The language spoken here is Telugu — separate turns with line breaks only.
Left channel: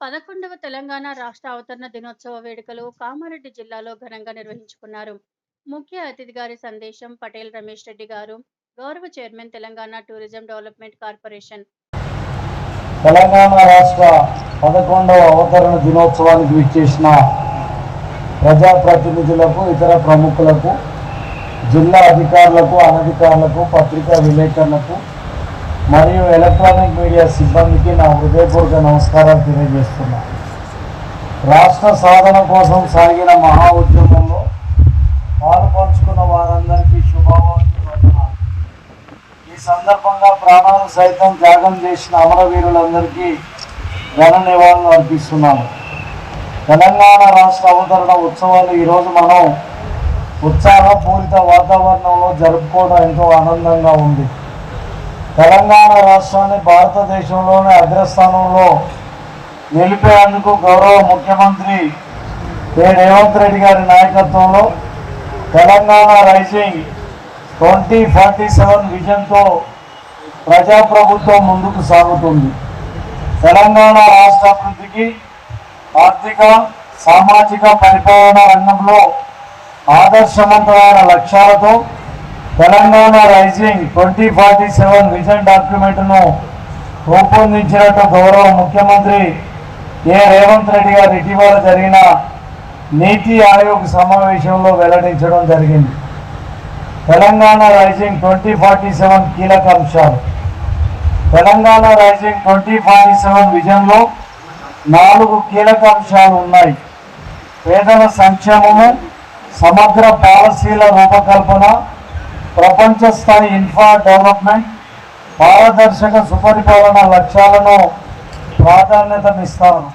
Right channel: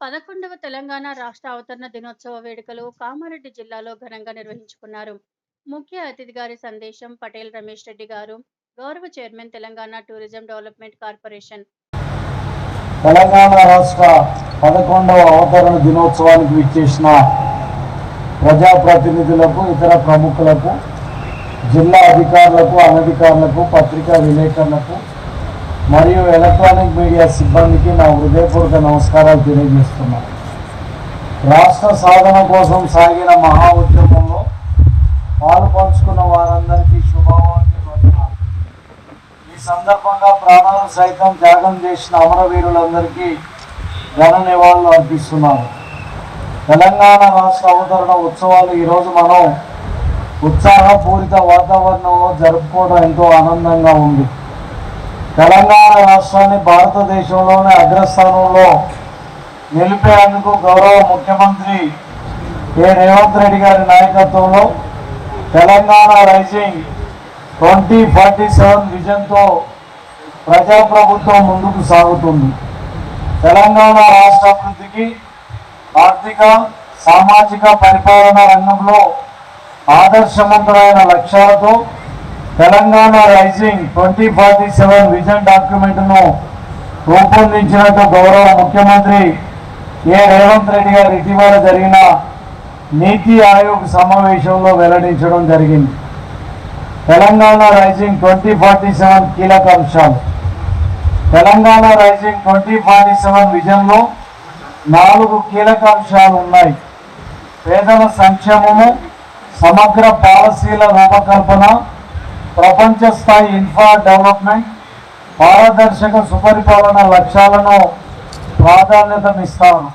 పదకొండవ తెలంగాణ రాష్ట్ర అవతరణ దినోత్సవ వేడుకలు కామారెడ్డి జిల్లాలో ఘనంగా నిర్వహించుకున్నారు. ముఖ్య అతిథి గారి సందేశం పటేల్ రమేష్ రెడ్డి గారు గౌరవ chairman Telangana tourism development corporation.
Telangana రాష్ట్ర పదకొండవ అవతరణ దినోత్సవానికి విచ్చేసిన ప్రజాప్రతినిధులకు ఇతర ప్రముఖులకు జిల్లా అధికారులకు అనధికారులకు పత్రికా విలేకరులకు మరియు ఎలక్ట్రానిక్ మీడియా సిబ్బందికి నా హృదయపూర్వక నమస్కారాలు తెలియజేస్తున్నాను. రాష్ట్ర సాధన కోసం సాగిన మహా ఉద్యమంలో పాలు పంచుకున్న వారందరికీ శుభాకాంక్షలు. ఈ సందర్భంగా ప్రాణాలు సైతం త్యాగం చేసిన అమరవీరులందరికీ ఘన నివాళులు అర్పిస్తున్నాను. తెలంగాణ రాష్ట్ర అవతరణ ఉత్సవాలు ఈరోజు మనం ఉత్సాహపూరిత వాతావరణంలో జరుపుకోవడం ఎంతో ఆనందంగా ఉంది. తెలంగాణ రాష్ట్రాన్ని భారతదేశంలోనే అగ్రస్థానంలో నిలిపేందుకు గౌరవ ముఖ్యమంత్రి ఏ రేవంత్ రెడ్డి గారి నాయకత్వంలో Telangana rising twenty forty seven విజన్తో ప్రజాప్రభుత్వం ముందుకు సాగుతుంది. తెలంగాణ రాష్ట్ర అభివృద్ధికి ఆర్థిక సామాజిక పరిపాలన రంగంలో ఆదర్శవంతమైన లక్ష్యాలతో Telangana rising twenty forty seven vision డాక్యుమెంట్ను రూపొందించినట్టు గౌరవ ముఖ్యమంత్రి ఏ రేవంత్ రెడ్డి గారు ఇటీవల జరిగిన నీతి ఆయోగ్ సమావేశంలో వెల్లడించడం జరిగింది. Telangana rising twenty forty seven కీలక అంశాలు. Telangana rising twenty forty seven విజన్లో నాలుగు కీలక అంశాలు ఉన్నాయి. పేదల సంక్షేమము సమగ్ర పాలసీల రూపకల్పన ప్రపంచ స్థాయి ఇన్ఫ్రా డెవలప్మెంట్ పారదర్శక సుపరిపాలన లక్ష్యాలను ప్రాధాన్యతనిస్తాను